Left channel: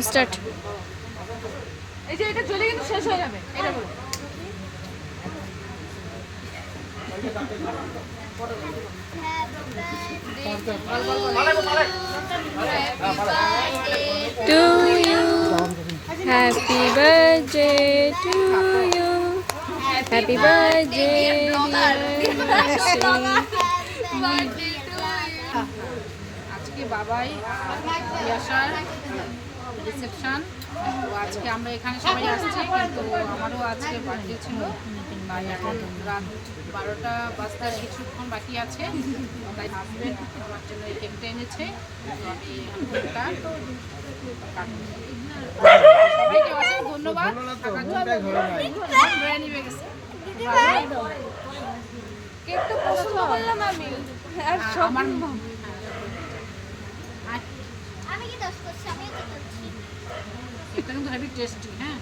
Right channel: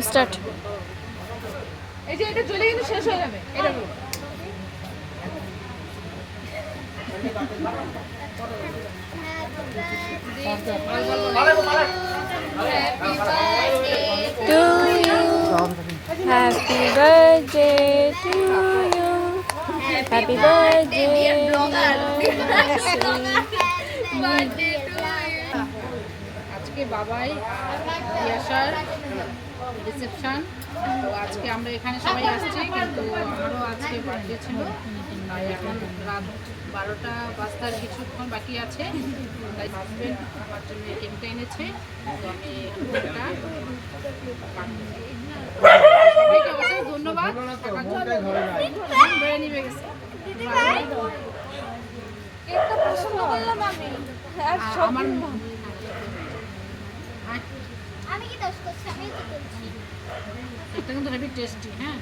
Start. এই যে এটা চলে কিন্তু শেষ হয়ে যাবে এটা বলো। To you, happy birthday to you, happy birthday আজকে বাবাই বিয়াসার রিসেপশন। তো আজকে আমরা এখানে সবাই আসছি, কিন্তু আমারও আজকে বার্থডে ছিল। তাই এখন রাত 12টা বাজতে আর কিছুক্ষণ বাকি আছে। তাই হাজব্যান্ড আমার জন্য এই কেকটা এনেছে। আমি কেকটা সবাইকে অসংখ্য ধন্যবাদ। কেকটা পছন্দ করলাম আমি। আমার এটা কিন্তু হেভি টেস্টি। হ্যাঁ,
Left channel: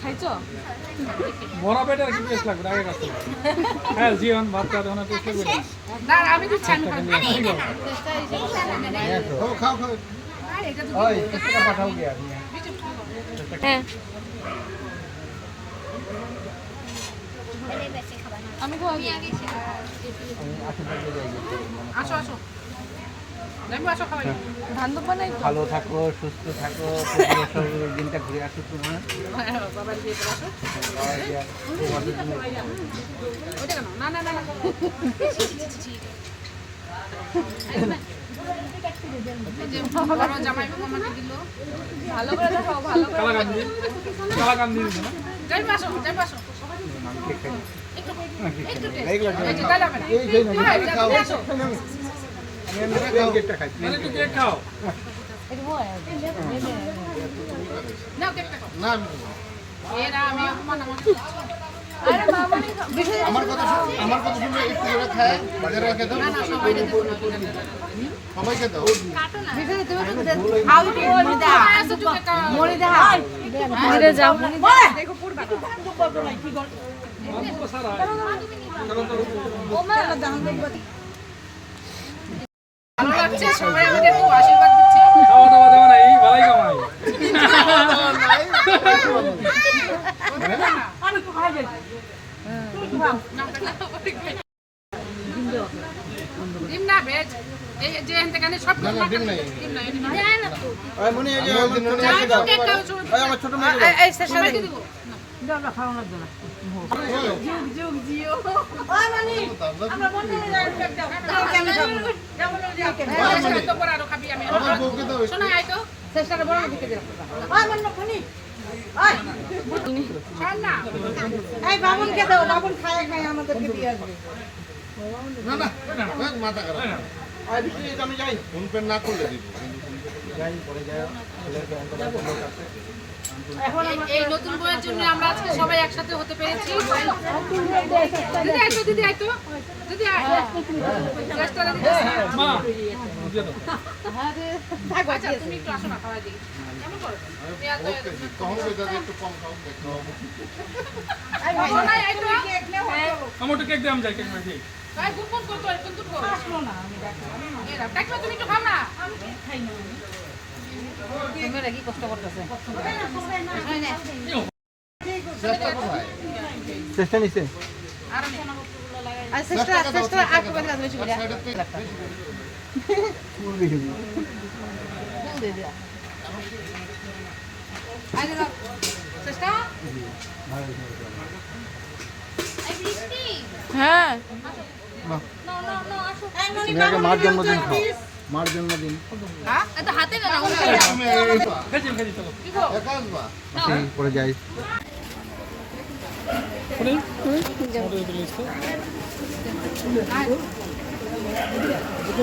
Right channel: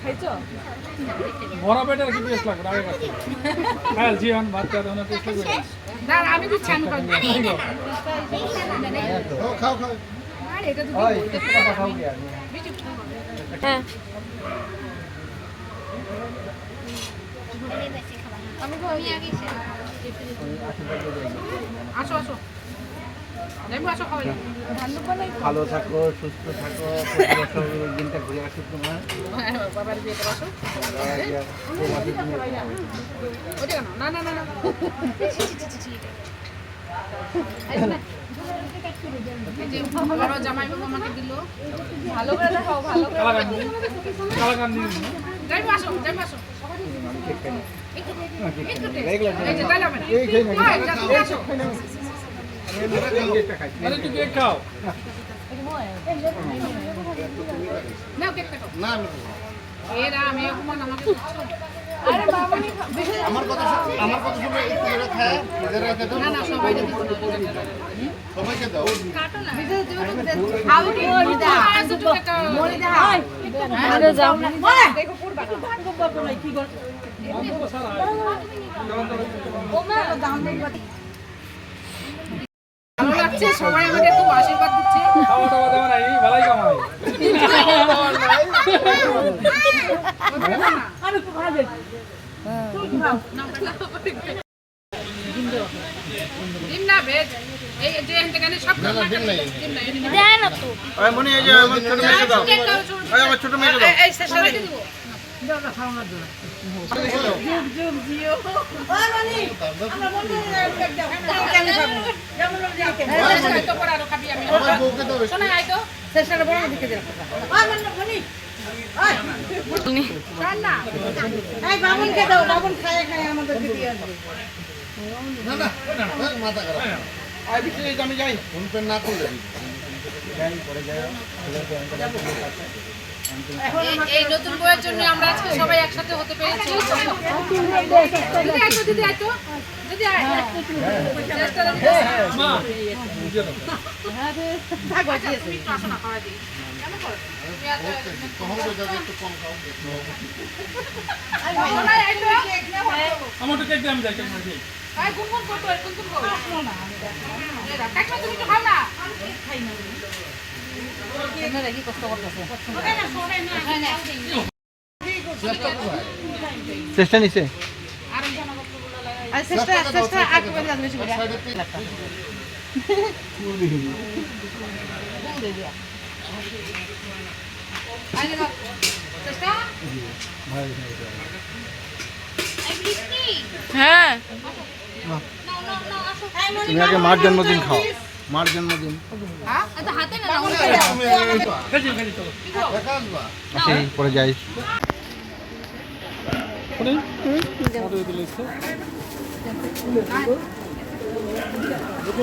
খাইছো? বড় বেটার কি টেস্ট লাগবে আগে কাছে হ্যাঁ জীবন ভাত খাওয়া দাওয়া টেস্ট লাগবে না আমি দিচ্ছি, আমি খাবো। খাও খাও আর এটা তো ওই একটা পাঠাও গিয়া হ্যাঁ আসো আসো দেখবো, আসো খাওয়াই। ভালো থাকো সুস্থ থাকো দিনটা ঘুরে আসো তোমার বাবার বিয়েতে বসো। ওইটা কেন? না না না না এই যে বড় জামাইবাবু আমাকে দিল। ভালো করে খাও, ভালো করে কালাকান্দি যাইবো, আসো যাইবো, আসো একটু টেস্ট। এই যে তাহলে হবে না। হয়, আসো। মানে তুই কেক খাও নাও কেকটা খাও। এরা আমি অপমান আমাকে আমার কথা শুনে একটু করে খায় বাজারে রেখে দাও। না না সবাইকে দিব না। সবাইকে দাও। কাটো না। খাও কি মরি দাও। মরি দাও। বাইরে যাও। ভালো লাগছে, সবাই আমাদের খুব আশীর্বাদ দিচ্ছে। খাওয়া দাওয়া দেবে না এই ভালোই কামাই ডিম না ভেজ, এই যে এখানে সব ডিম নাই। ডিম নাই। ওই মনি এই যে আমার ছোট মেয়েকে দাও। ওই আমার ছোট মেয়েকে দাও। এই সবাইকে দিব। তো পরে আরো খাবি আমি। আমার বউকে দাও। শোনা আই তো চেষ্টাটা বড় দিকে দিলাম। খান না। এই বাবুনকে দাও, বাবুন খায় আমাদেরকে দিয়ে আসবে। না না মাথা খারাপ। আই বিক্রি আমি যাই। ফোন পে না করলে যাই পরে যাই। এই নতুন বইয়ের জন্য আমরা আজকে সবাই একসাথে হতে পেরেছি। দিদি আইতো, দিদি আইতো, দিদি আয়। চেষ্টাটা দিতে মা বুঝে দাও আচ্ছা, তুমি একটু আসো না, খাওয়া দিই। কেমন করো? ওকে কখন কই যাবে একটু কম খাও। শোনাই আইতো। আমার তো কেক দাম যায় কেক না খেয়ে এই গুনগুন করতো, গুনগুন করো। আসলো না। এই দাও, কাকমা তুমি একটু খাও না। খাই না। মেয়েরা কি কষ্ট করতেছে? চেষ্টা নিছে। আর আমি আর চেষ্টা আর করে লাগবে শুধু। আইনে দাও। চেষ্টা? হ্যাঁ তুমি আগে মার জন্মদিন খাও। মার জন্মদিন। হ্যাঁ? খেয়েছি চলো আসি পরে যাই।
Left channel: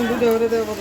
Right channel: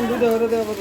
দুটো হতে দেওয়া কত